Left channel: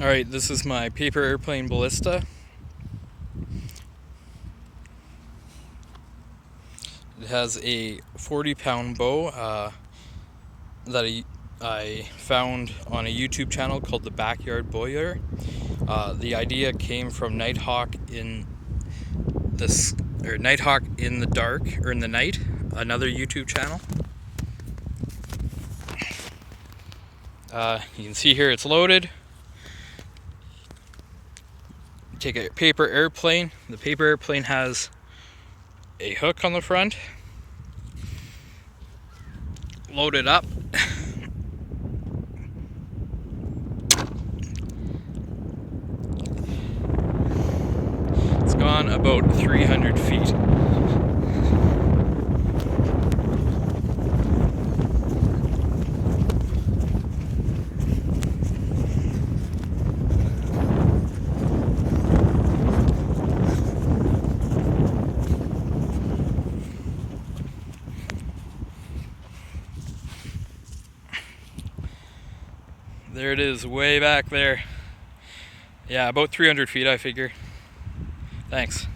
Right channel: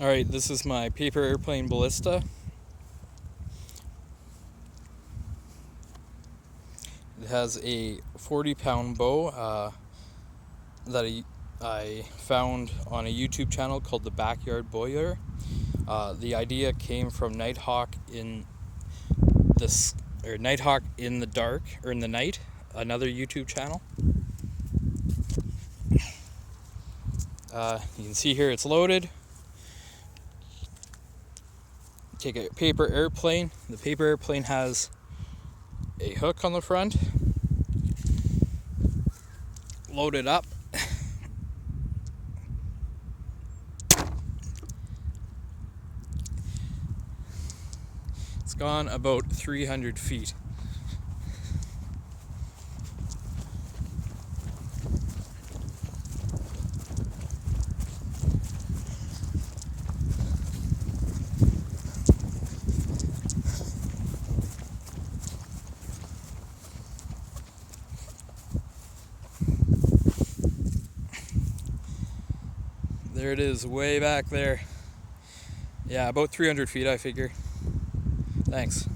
Alright, this is my paper airplane ballista. It has a 40-pound bow that I found on a YouTube channel called The Backyard Bowyer. The idea came from Nighthawk in Nighthawk in the Dark, or in the Night, another YouTube channel. You can see here it's loaded. Take a paper airplane. The paper airplane has a hook on the front. Load it up. It's gone about 300 feet. There it is, way back there. Yeah, about 300 feet, I figure. Thanks.